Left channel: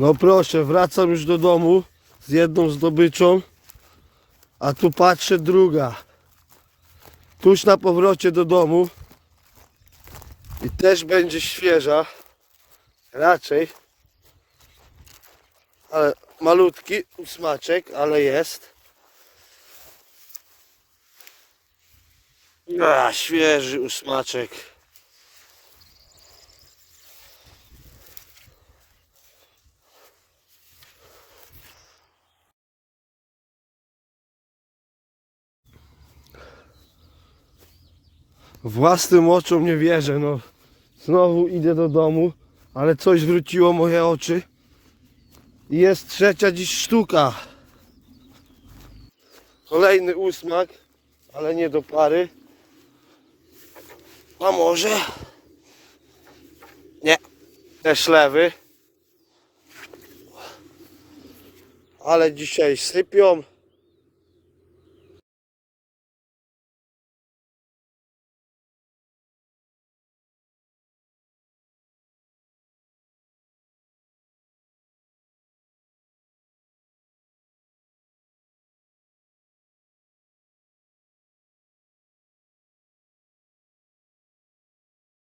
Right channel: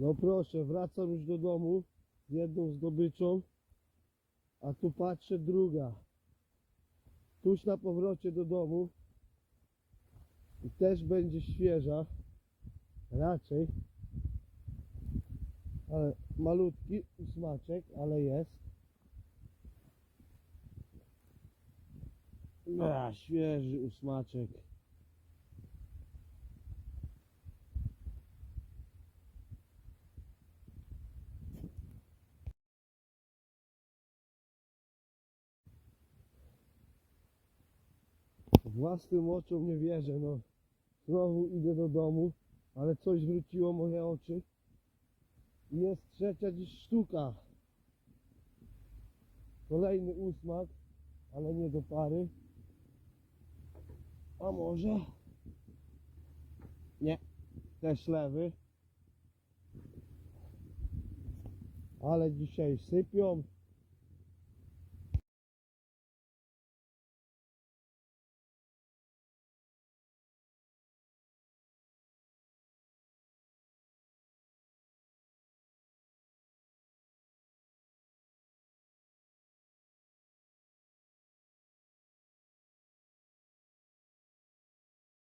No proszę, wracam już do domu z jedną zdobyczą, a tu patrzę druga. Tuż na powrocie do domu i też będzie świeża, raczej, ale malutki smaczek, ale jest. A, świeży usmaczek. Własnym oczom nie wierzę, no. Znowu idę do domu, ale coś zwróciło moje oczy. I jest trzecia dziś sztuka. Kolejny usmak, ale nie do pary. A może? Nie, też lewy. Ale dzisiaj sypią.